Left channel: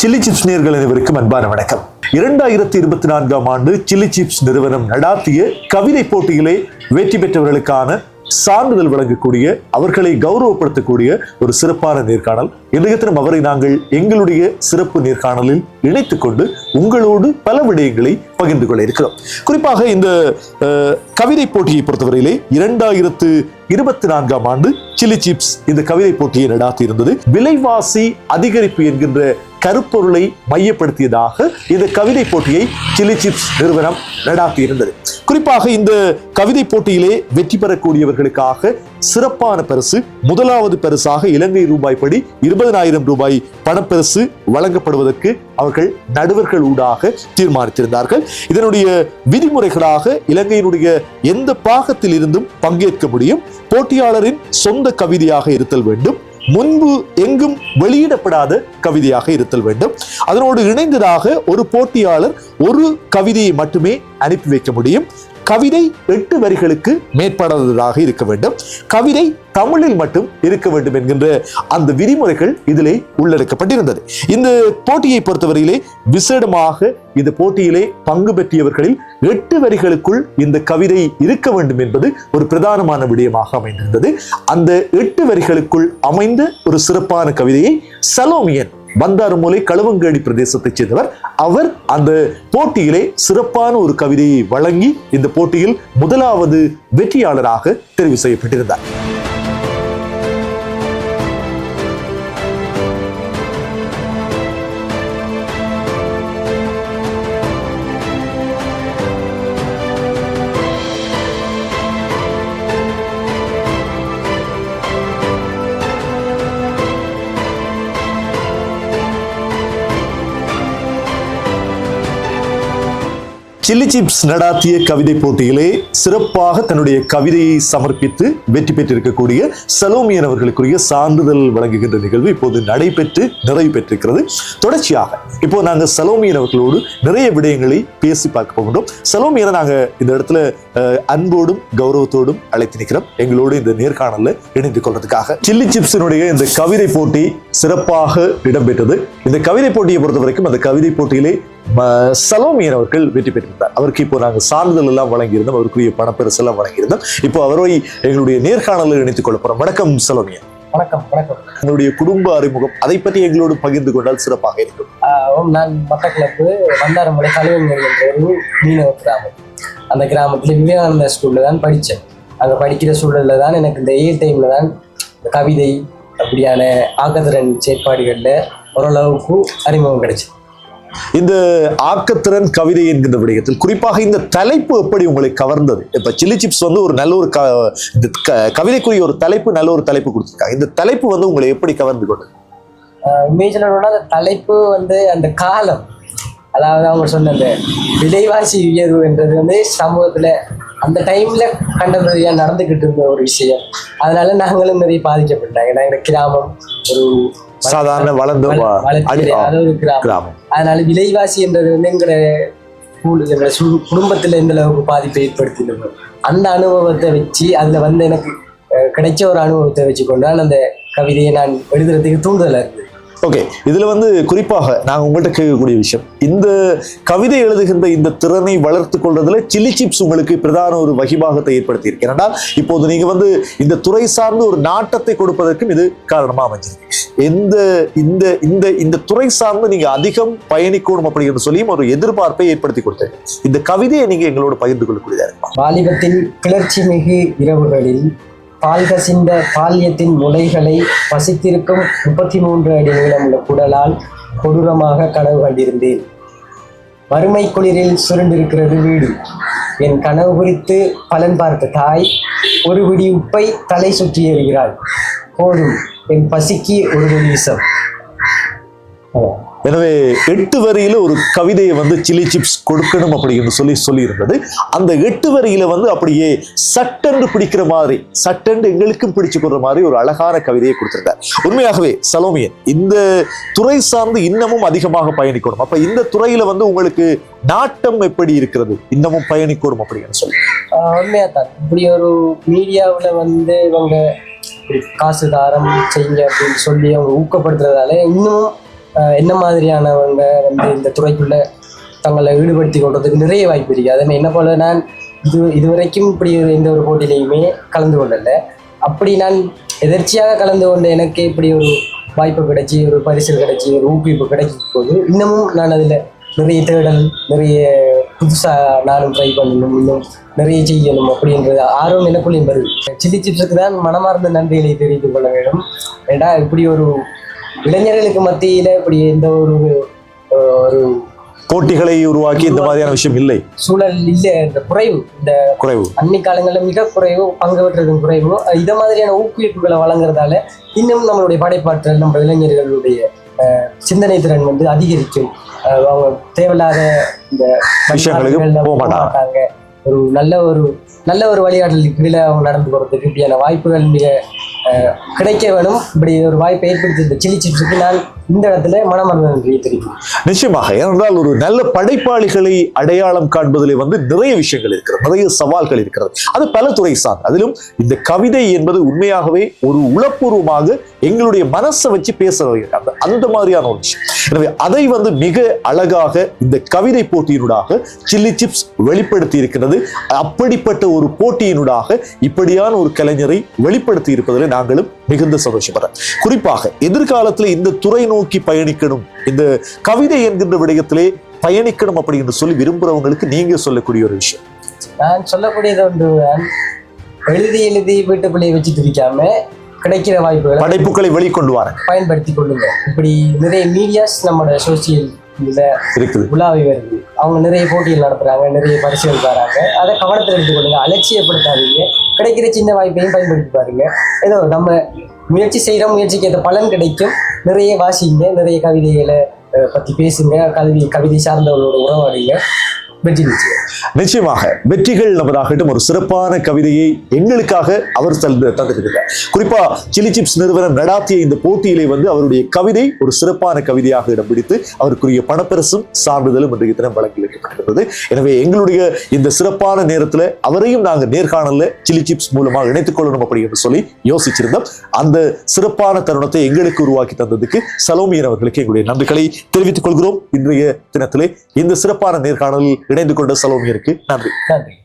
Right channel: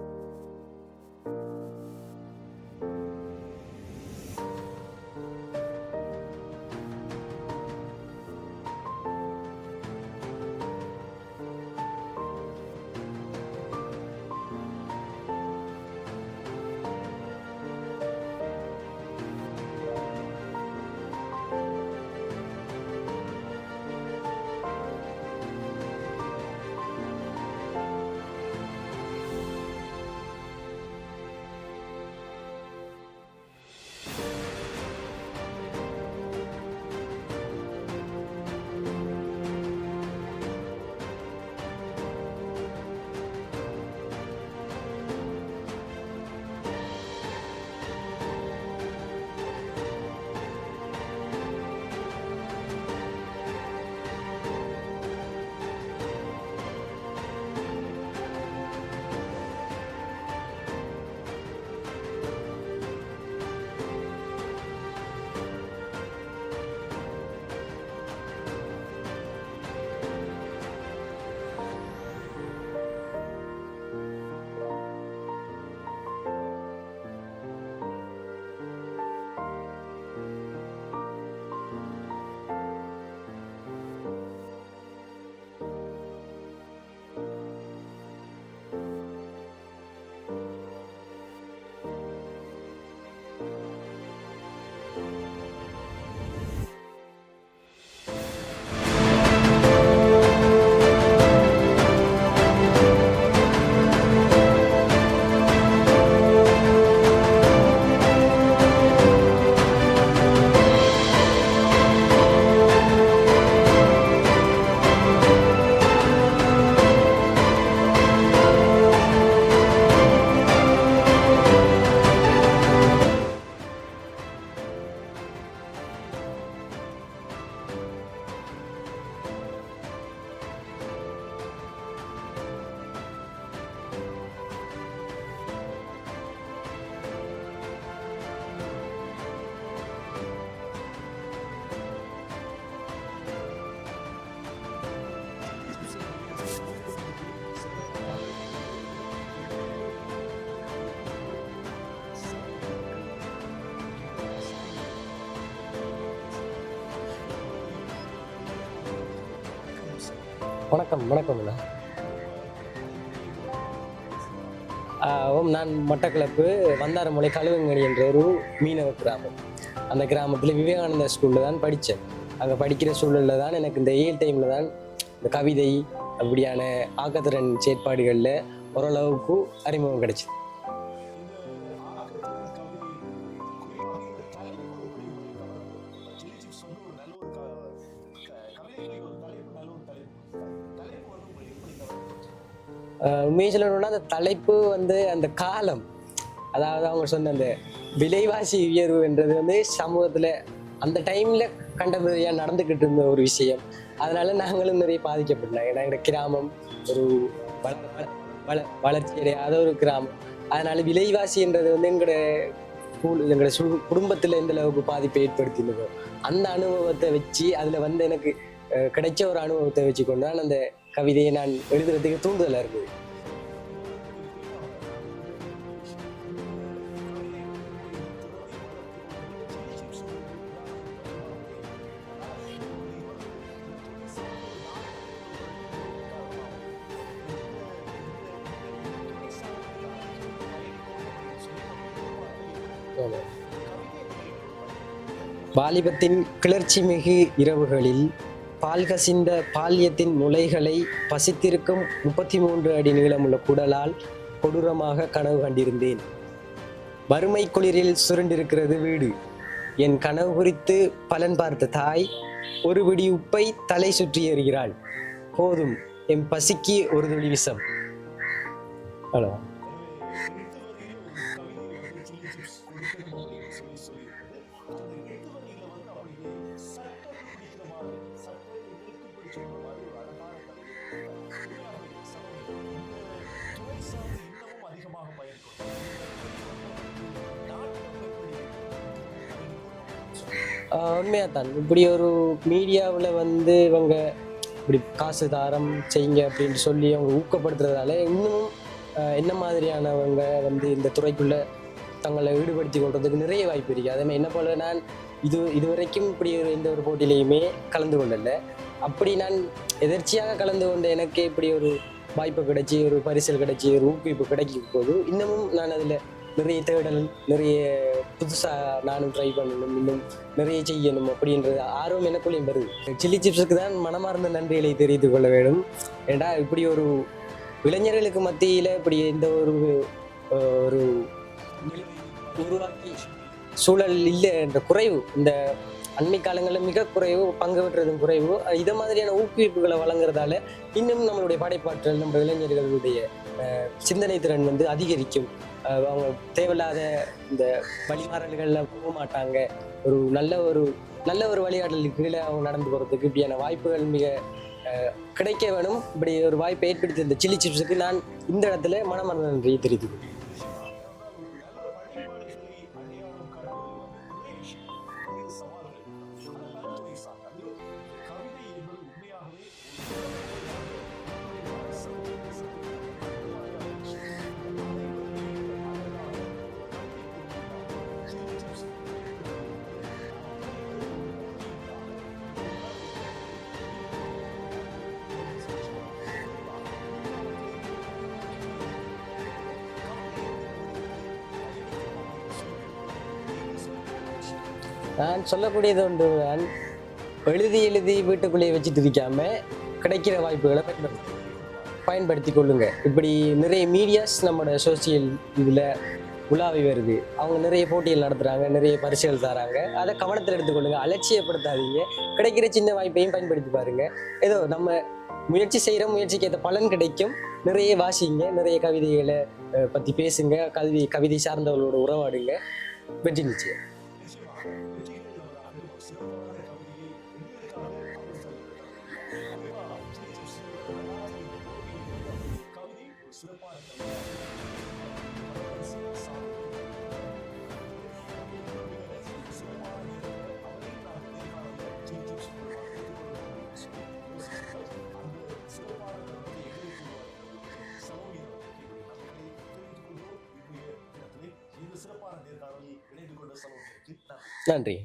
Chilli chips நேர்கள் அனைவருக்கும் அன்பான வணக்கம். இரண்டாயிரத்தி இருபத்தி நான்காம் ஆண்டு சில்லி சிப்ஸ் நிறுவனம் நடாத்திய கவிதை போட்டியிலே வெற்றி பெற்றவர்களுக்கான சான்றிதழ் வழங்கக்கூடிய அவர்களை கௌரவப்படுத்தக்கூடிய ஒரு சிறப்பான நேர்காணல். இன்றைய தினம் அவரை நாங்கள் எங்களுடைய சிறப்பு நேர்காணலில் இணைத்துக் கொண்டு உங்களோடு பல விடயங்களை பகிர்ந்து கொள்ள இருக்கிறோம். குறிப்பாக இந்த கவிதை போட்டியை பொறுத்தவரையிலே இரண்டாயிரத்து இருபத்தி நான்காம் ஆண்டு சில்லி சிப்ஸ் இந்த கவிதை போட்டியை நடாத்தி இருந்தது விலைவாசி அதிகரிப்பு என்கின்ற கருப்பொருளை மையப்படுத்தியதாக இந்த கவிதை போட்டியை சில்லி சிப்ஸ் நிறுவனம் நடாத்தி இருந்தது குறிப்பாக இந்த கவிதை போட்டியிலே வெற்றி பெறக்கூடியவர்களுக்காக சிறப்பான பரிசு முதலாவது பரிசாக இலங்கை ரூபாய் படி இருபதனாயிரம் ரூபாய் பணப்பரிசு வழங்கப்படுவதற்கு அவர்கள் நடுவர்கள் ஊடாக தீர்மானித்திருந்தார்கள். இதனுடைய விதிமுறைகளாக இலங்கையினுடைய எந்த பாகத்தில் இருந்தும் பங்கேற்க முடியும். போட்டியாளரின் சொந்த கவிதையாக இருத்தல் வேண்டும். முன்பு எங்கும் வெளியிடப்படாத கவிதையாக இருத்தல் வேண்டும். அதனோடு இணைந்ததாக ஒரு போட்டியாளர் ஒரு கவிதையை மட்டுமே அனுப்பி வைக்க முடியும். கவிதை எட்டு வரிகளுக்கு மேற்படாததாக இருக்க வேண்டும். கவிதை தமிழில் மட்டும் இருக்க வேண்டும் என்கின்ற அந்த விதிமுறைகள் இதிலே உள்ளடக்கப்பட்டிருந்தது. இந்த போட்டியை பொறுத்தவரையிலே விசேடமாக இந்த போட்டியிலே பங்கு பெற்றியவர்களில் எட்டு வரிகளுக்குள் இந்த கவிதை இருக்க வேண்டும் என்பது ஒரு பிரதானமான விடயமாக அமைந்திருந்தது. அந்த எட்டு வரிகளுக்குள் அமைந்த ஒரு சிறப்பான கவிதையை சலோமியன் பந்தாரமூலை களுவங்கேடி பிரதேசத்தைச் சேர்ந்தவர். அவர் அந்த போட்டியிலே சிறப்பான ஒரு கவிதையை வழங்கி இந்த போட்டியில் முதலாவது வெற்றியாளராக தெரிவு செய்யப்பட்டிருந்தார். சில்லி சிப்ஸ் நடாத்திய கவிதை போட்டியிலே சிறப்பாக தன்னுடைய கவிதையை சமர்ப்பித்து வெற்றி பெற்றிருக்கக்கூடிய சலோமியன் அவர்களுக்குரிய சான்றிதழ் வழங்குகின்ற நிகழ்வு இப்போது நடைபெற்று நிறைவு பெற்றிருக்கிறது. தொடர்ச்சியாக இப்போ நாங்க சலோமியன் அவர்களோடு நிறைய விடயங்களை பேசி பார்க்க போகின்றோம். சலோமியனை நாங்க இந்த இடத்துல அன்போடும் கௌரவத்தோடும் அழைத்து நிற்கிறோம். எங்களோடு இந்த நேர்காணல்ல இணைந்து கொள்றதுக்காக. சில்லி சிப்ஸினுடைய இந்த கவிதை போட்டி சிறப்பாக இடம்பெற்றது. இந்த கவிதை போட்டியை பொறுத்த வரைக்கும் அந்த கவிதை போட்டியிலே ம, சலோமியன் அவர்கள் வெற்றி பெற்றிருந்தார். அவருக்கு இப்போ நாங்கள் சான்றிதழ் எல்லாம் வழங்கியிருந்தோம் அவருக்குரிய பணப்பரிசு எல்லாம் வழங்கியிருந்தோம். இப்போ அவரை எங்களுடைய நேர்காணலில் இணைத்துக் கொள்ள போறோம். வணக்கம் சலோமியன் வணக்கம் வணக்கம். உங்களுடைய குடும்ப அறிமுகம் அதை பற்றி எங்களோடு பகிர்ந்து கொண்டால் சிறப்பாக இருக்கும். நான் மட்டக்களப்பு வந்தாரமலை ஒரு மீனவ கிராமம். அந்த கிராமத்தில் விவேகானந்தா ஸ்கூலில் தான் படித்தேன். அங்கே படிக்கிற சூழலில் தான் எனக்கு இந்த ஏ டைமில் தான் கவிதை அப்படியான ஆக்கத்திறன் செயற்பாடுகளில் ஓரளவுக்கு அறிமுகம் கிடைச்சது. இந்த ஆக்கத்திறன் கவிதை என்கின்ற விடயத்தில் குறிப்பாக இந்த தலைப்பு எப்படி உங்களை கவர்ந்தது? இப்போ சில்லி சிப்ஸ் வந்து ஒரு நல்ல ஒரு க இந்த க- கவிதைக்குரிய ஒரு தலைப்பு நல்ல ஒரு தலைப்பு கொடுத்துருக்காங்க. இந்த தலைப்பு வந்து உங்களை எப்படி கவர்ந்து கொண்டது? ஆஹ் உண்மையை சொல்லணும்னா அந்த தலைப்பு வந்து அந்த காலம் அதாவது அவங்க சொன்ன அந்த விலைவாசி உயர்வு என்றது வந்து சமூகத்தில் அந்த டைம்ல கண்டபடியாக நடந்துக்கிட்டு இருந்த ஒரு விஷயம். அதனால நாங்களும் நிறைய பாதிக்கப்பட்டாங்க. நாங்கள் கிராமம் ஒரு சாதாரண வளர்ந்த கிராமம். அதனால விலைவாசி என்றது வந்து சு- குடும்பத்துல எந்த அளவுக்கு பாதிப்பை ஏற்படுத்தினதோ அந்த அனுபவத்தை வச்சு அதுல வந்து எனக்கு கிடைச்ச ஒரு அனுபவத்தை வச்சு கொண்டு தான் அந்த கவிதையை நான் எழுதுறதுக்கு தூண்டுதலா இருக்கு. ஓகே இதுல வந்து குறிப்பாக நான் உங்கள்கிட்ட கேட்கக்கூடிய விஷயம். இந்த கவிதை எழுதுகின்ற இந்த திறனை வளர்த்து கொள்றதுல சில்லி சிப்ஸ் உங்களுக்கு பிரதான ஒரு வகிபாகத்தை ஏற்படுத்தி இருக்கு இப்போது நீங்க வந்து இந்த துறை சார்ந்து ஒரு நாட்டத்தை கொடுப்பதற்கும் இது காரணமா அமைஞ்சிருக்கு. எந்த இந்த இந்த இந்த துறை சார்ந்து நீங்க அதிகம் பயணிக்கணும் அப்படிங்கிற சொல்லியும் ஒரு எதிர்பார்ப்பை ஏற்படுத்தி கொடுத்தேன் இந்த கவிதையை நீங்க எங்களோட பகிர்ந்து கொள்ளக்கூடியதாக இருக்கும். வாலிபத்தின் கிளர்ச்சி மிகு இரவுகளில் பால் கசிந்த பால்யத்தின் முளைகளை பசித்திருக்கும் முப்பத்தி மூன்று அடி நீளமுள்ள குடலால் கொடூரமாக கனவு கண்டிருந்தேன். வறுமை குளிரில் சுருண்டிருக்கிறது வீடு. என் கனவு குறித்து பலன் பார்த்த தாய் ஒரு குடி உப்பை தலை சுற்றி எறிகிறாள். போதும் என் பசிக்கு ஒரு பிடி விஷம். எனவே எட்டு வரியில ஒரு கவிதையை வந்து சில்லி சிப்ஸ் கொடுக்கணும் அப்படின்னு சொல்லி சொல்லியிருந்தது. அந்த எட்டு வரியில வந்து அப்படியே சட்டென்று பிடிக்கிற மாதிரி சட்டென்று எங்களுக்கும் பிடிச்சு கொடுற மாதிரி ஒரு அழகான கவிதையை கொடுத்திருக்கார் உண்மையாகவே சலோமியன் இந்த துறை சார்ந்து இன்னமும் அதிகமாக பயணிக்கணும். அப்ப இந்த துறையில வந்து உங்களுக்கு நாட்டம் எப்படி இருக்கிறது? இன்னமும் பயணிக்கணும் அப்படின்னு சொல்லி. ஆஹ் உண்மையாதான் இப்படி ஒரு மீடியாவில் வந்து இவங்க காசு தாரம் செய்யுங்க அப்படின்னு சொல்லி அவங்க ஊக்கப்படுத்துறதால இன்னும் என்ன மாதிரியானவங்க வந்து இந்த துறைக்குள்ள தங்களை ஈடுபடுத்தி கொள்றதுக்கு நிறைய வாய்ப்பு இருக்கு. அதே என்ன போல நான் இது இதுவரைக்கும் இப்படி எந்த ஒரு போட்டியிலையுமே கலந்து கொள்ளல. அப்படி நான் எதர்ச்சியாக கலந்து கொண்ட எனக்கு இப்படி ஒரு வாய்ப்பு கிடைச்சி ஒரு பரிசல் கிடைச்சி ஒரு ஊக்குவிப்பு கிடைக்கும் போது இன்னமும் நான் அதில் நிறைய தேடல் நிறைய புதுசாக நானும் ட்ரை பண்ணணும் இன்னும் நிறைய செய்யணும் அப்படின்றது ஆர்வம் எனக்குள்ளேயும் வருது சில்லி சிப்ஸுக்கு தான் மனமார்ந்த நன்றிகளை தெரிவித்துக் கொள்ள வேண்டும். ஏன்னா இப்படி ஒரு இளைஞர்களுக்கு மத்தியில் இப்படி எந்த ஒரு ஒரு போட்டிகளை உருவாக்கி இந்த மாதிரியான விஷயம் இல்லை. சூழல் இல்லை இந்த குறைவு. இந்த குறைவு. அண்மை காலங்களில் மிக குறைவு பங்கு பெற்றதும் குறைவு. இதை மாதிரியான ஊக்குவிப்புகளை வழங்குறதால இன்னும் நம்மளுடைய படைப்பாற்றல் நம்ம இளைஞர்களுடைய அஹ், சிந்தனை திறன் வந்து அதிகரிக்கும். அவங்க தேவையில்லாத இந்த விஷயங்களுக்கு போக மாட்டாங்க. ஒரு நல்ல ஒரு நல்ல ஒரு வழிகாட்டலுக்கு கீழே அவங்க நடந்து போகிறதுக்கு இப்படியான வாய்ப்புகள் மிக கிடைக்க வேணும் இப்படி ஒரு வாய்ப்பை ஏற்படுத்தி இந்த சில்லி சிப்ஸுக்கு நான் இந்த இடத்துல மனமார்ந்த நன்றியை தெரிவிக்கும் நிச்சயமாக ஏனென்றால் ஒரு நல்ல படைப்பாளிகளை அடையாளம் காண்பதிலே வந்து நிறைய விஷயங்கள் இருக்கிறது நிறைய சவால்கள் இருக்கிறது. அது பல துறை சார்ந்த. அதிலும் இந்த கவிதை என்பது உண்மையாகவே ஒரு உளப்பூர்வமாக எங்களுடைய மனசை வச்சு பேசுறது அந்த அந்த மாதிரியான ஒரு விஷயம். எனவே அதை வந்து மிக அழகாக இந்த கவிதை போட்டியினூடாக சில்லி சிப்ஸ் வெளிப்படுத்தி இருக்கிறது. அப்படிப்பட்ட ஒரு போட்டியினூடாக இப்படியான ஒரு கலைஞரை வெளிப்படுத்தி இருப்பதில் நாங்களும் மிகுந்த சந்தோஷப்படுறோம். குறிப்பாக எதிர்காலத்தில் இந்த துறை நோக்கி பயணிக்கணும். இந்த கவிதை என்கின்ற விடயத்திலே பயணிக்கணும் அப்படின்னு சொல்லி விரும்புறவங்களுக்கு நீங்க சொல்லக்கூடிய ஒரு விஷயம். நான் சொல்லக்கூடியது ஒன்று எழுதி எழுதி வீட்டு பிள்ளையை வச்சுட்டு இருக்காம கிடைக்கிற வாய்ப்புகளை படைப்புகளை வெளிக்கொண்டு வர பயன்படுத்தி கொள்ளுங்க. இப்படி நிறைய மீடியாஸ் நம்மளோட சோசியல் இருக்குது. உலாவி வருது. அவங்க நிறைய போட்டிகள் நடத்துறாங்க நிறைய பரிசுகள் தராங்க. அதை கவனத்தில் எடுத்துக்கொள்ளுங்க. அலட்சியப்படுத்தாதீங்க. கிடைக்கிற சின்ன வாய்ப்பையும் பயன்படுத்தி பாருங்க. ஏதோ நம்ம முயற்சி செய்கிற முயற்சிக்கு ஏற்ற பலன் கிடைக்கும். நிறைய வாசிங்க நிறைய கவிதைகளை பற்றி பேசுங்க. கவிதை கவிதை சார்ந்தவர்களோட உறவாடுங்க. வெற்றி நிச்சயம் நிச்சயமாக வெற்றிகள் நமதாகட்டும் ஒரு சிறப்பான கவிதையை எங்களுக்காக அவர் தந்து தந்திருக்கிறார். குறிப்பா சில்லி சிப்ஸ் நிறுவனம் நடாத்திய இந்த போட்டியிலே வந்து அவருடைய கவிதை ஒரு சிறப்பான கவிதையாக இடம் பிடித்து அவருக்குரிய பணப்பரிசும் சான்றிதழும் இன்றைய தினம் வழங்கி எனவே எங்களுடைய இந்த சிறப்பான நேரத்தில் அவரையும் நாங்கள் நேர்காணல சில்லி சிப்ஸ் மூலமாக இணைத்துக் கொள்ளணும் அப்படி என்று சொல்லி யோசிச்சிருந்தோம். அந்த சிறப்பான தருணத்தை எங்களுக்கு உருவாக்கி தந்ததுக்கு சலோமியன் அவர்களுக்கு எங்களுடைய நன்றிகளை தெரிவித்துக் கொள்கிறோம். இன்றைய தினத்திலே இந்த சிறப்பான நேர்காணலில் இணைந்து கொண்ட இருக்கு நன்றி. நன்றி.